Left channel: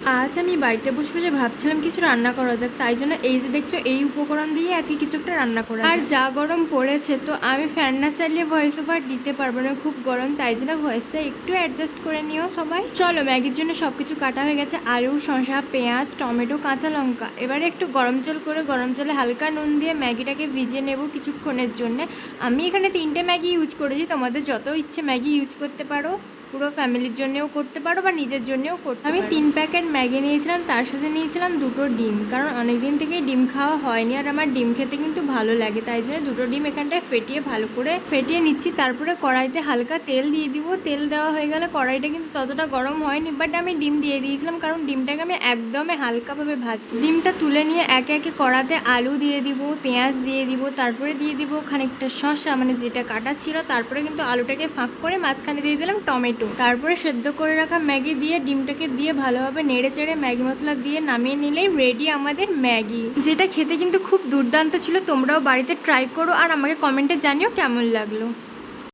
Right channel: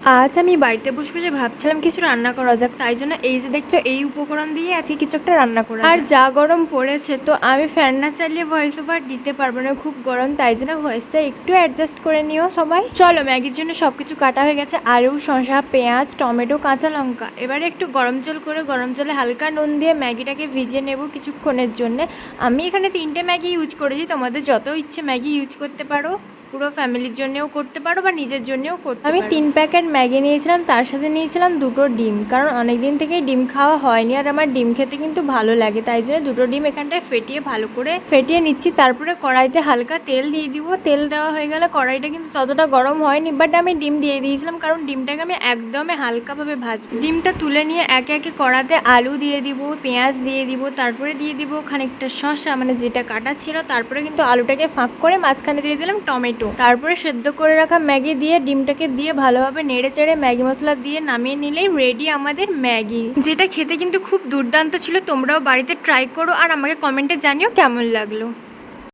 আজ আমি বাড়িতে বসে বসে ভাবছিলাম কিছু রান্না করা যাক, তাই জন্য এই যে দেখছো এই উপকরণ দিয়ে আজকে কিছু একটা রান্না করা আর যা গরম পড়েছে তো আমি ফ্যান না চালিয়ে ভয়েস ওভার দিতে পারবো না, খুব গরম, তাই জন্য ভয়েসটা একটু অ্যাডজাস্ট করে নিও সবাই। চলো, ম্যাগির জন্য সবকিছু কাটা হয়ে গেছে, আলু, শসা, পেঁয়াজ, টমেটো, কাঁচা লঙ্কা। এবারে একটু গরম জল করে গরম জলে হালকা নুন দিয়ে ম্যাগিটাকে ভিজিয়ে নেব কিছুক্ষণের জন্য। আমি এখানে 3টে ম্যাগি ইউজ করেছি, তোমাদের যত ইচ্ছে ম্যাগি ইউজ করতে পারো, পুরো ফ্যামিলির জন্যও করতে পারো বা নিজের জন্যও করতে পারো। আমি 3 প্যাকেট ম্যাগি নিয়েছিলাম, তার সাথে নিয়েছিলাম 2টো ডিম, কারণ অনেক দিন থেকেই ডিম খাওয়া হয়নি আর আমার ডিম খেতে কিন্তু ভালো লাগে, তাই জন্য 2টো ডিম এখানটায় ফেটিয়ে ভালো করে ফেটিয়ে নিচ্ছি। তারপরে কড়াইতে হালকা তেল দিয়ে দিব। তেল দেওয়া হয়ে গেলে কড়াইটা কিন্তু ততটা গরম হয়নি, বাট আমি ডিম দিয়ে দিয়েছিলাম কারণ ডিমটাকে আমি একদমই হালকাভাবে ভাজবো। ডিমটা তুলে নিয়ে একে একে কড়াতে আলু দিয়ে দিব, পেঁয়াজ দিয়ে দিব, তারপরে দিয়ে দিব খানিকটা শসা, মানে যেটা কাটা ছিল। তারপরে কিন্তু আলুটাকে ফাঁক করে মাঝখানে দিয়ে দিলাম টমেটো। তারপরে সেদ্ধ করে রাখা ম্যাগি দিয়ে ডিমটাকে দিয়ে ভালোভাবে নেড়ে চেড়ে ম্যাগি মশলা দিয়ে নামিয়ে নিলেই রেডি আমাদের ম্যাগি, যেটা খেতে কিন্তু খুব দুর্দান্ত ছিল। তোমরাও বাড়িতে ট্রাই করো আর আমাকে কমেন্টে জানিও কেমন লাগলো।